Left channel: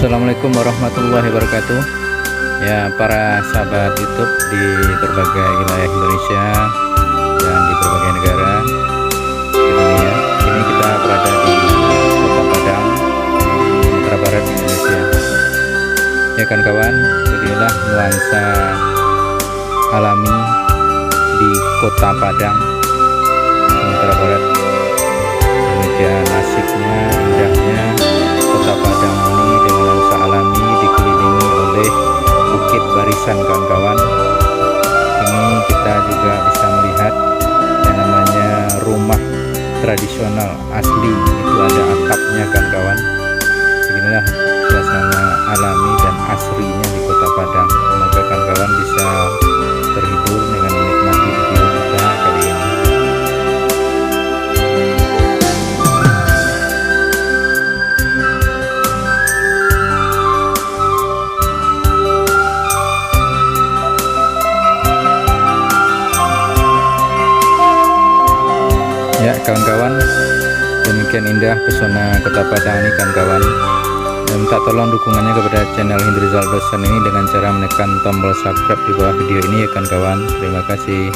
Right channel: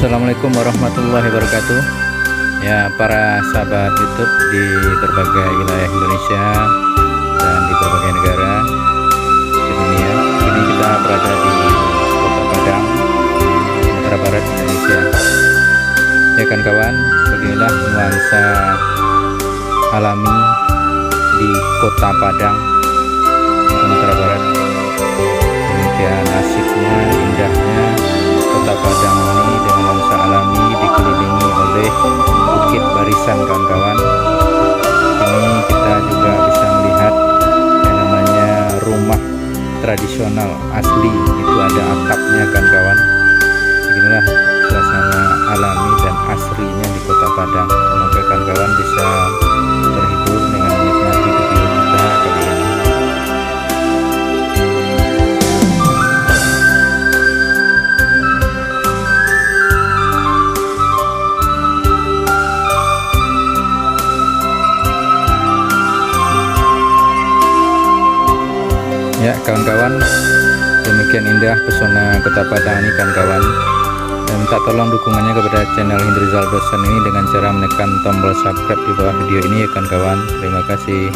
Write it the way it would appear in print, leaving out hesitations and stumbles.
Assalamualaikum warahmatullahi wabarakatuh. Ya, para sahabat YouTube di berbagai wilayah Indonesia dan di berbagai negara di dunia. Kini kita berada di Kota Padang, Sumatera Barat, Indonesia. Ya kan kawan, beginilah nuansa alami di Kota Padang, Sumatera Barat. Demikian asiknya, indahnya Kota Padang ini dengan nuansa alami dikelilingi oleh bukit barisan kawan-kawan. Ini kita juga bisa melihat yang namanya rumah tradisional asli, itu ada atapnya kawan-kawan. Beginilah suasana alami dan asrinya di Kota Padang. Semoga kawan-kawan bisa terhibur dengan menikmati video kita kali ini. Ya kawan-kawan, demikian indah pesona Kota Padang ini kawan-kawan. Dan minta tolong dukungannya kepada channel Hindrizal Dosen ini dengan cara menekan tombol subscribe di bawah video ini ya kawan-kawan. Terima kasih.